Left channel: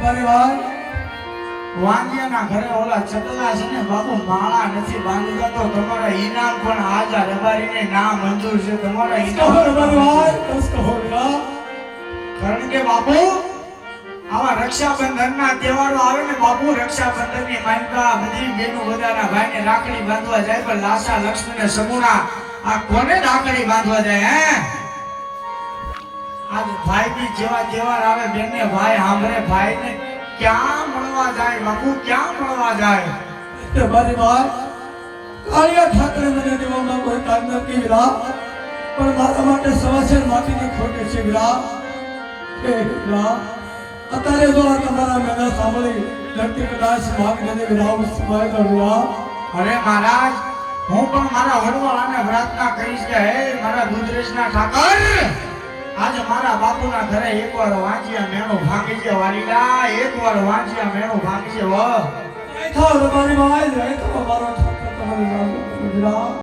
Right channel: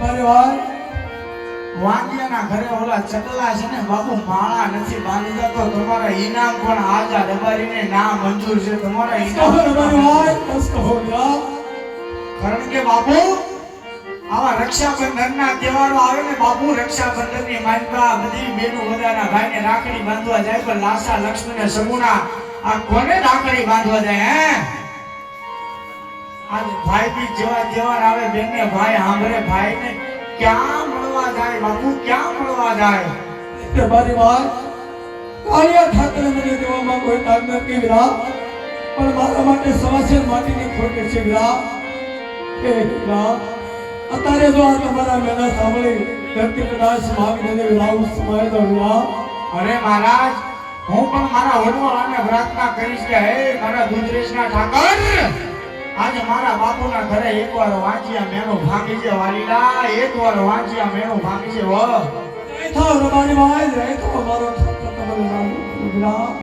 મારી વાત વાંદિયાના ઘરે ઓલા ચકલા છે ને બાપુ માળા નથી બાંધતા તો તમારા ઇનામ પણ આજા રબારીને ના મંજૂર છે તમારા ઇનામ મારી વાત બસ કહો વીરા કારણ કે બાપુ આવા રક્ષાબંધનના તહેવારો આવે ને બાપુ રક્ષાબંધનની માનકા બધી બેનો બધાના ભાઈને રાખડી બાંધવા જાય પણ લાસા લક્ષ્મી ને સમૂહના આ કોને રાખડી બાંધવા જાય હે આજ ભાઈ બી જેવા તહેવાર આવે બેનને ભાઈ સાંભળે ભાઈને ક્યાં મળવા જાય બાપુ ક્યાં મળવા જાય મારી વાત કાળિયા ઠાકરે મને દેવામાં કોઈ તાજ નથી વીરા પણ મારા માટે સવાસેર માટીની ખોટ છે વીરા એ વીરા અત્યારે જો આ તમારા મેળા સાંભળી ધરતી કદાચ ભાગ દે વીરા ઉસમાય દો વીરા અરે મહારાજ હું પણ મારા વડવાળાને પ્રાર્થના કરીશ કે હે મારા દુધરેશના ઠાકર આજે મારા બાપુના ઘરે એકવાર વાંચિયા મેણો ભાંગી છે વાલીલા એકવાર વાંચિયા મેણો ભાંગી છે વ એ થાવ મારી વાત એ તો મારો ઠાકર તમને વીરા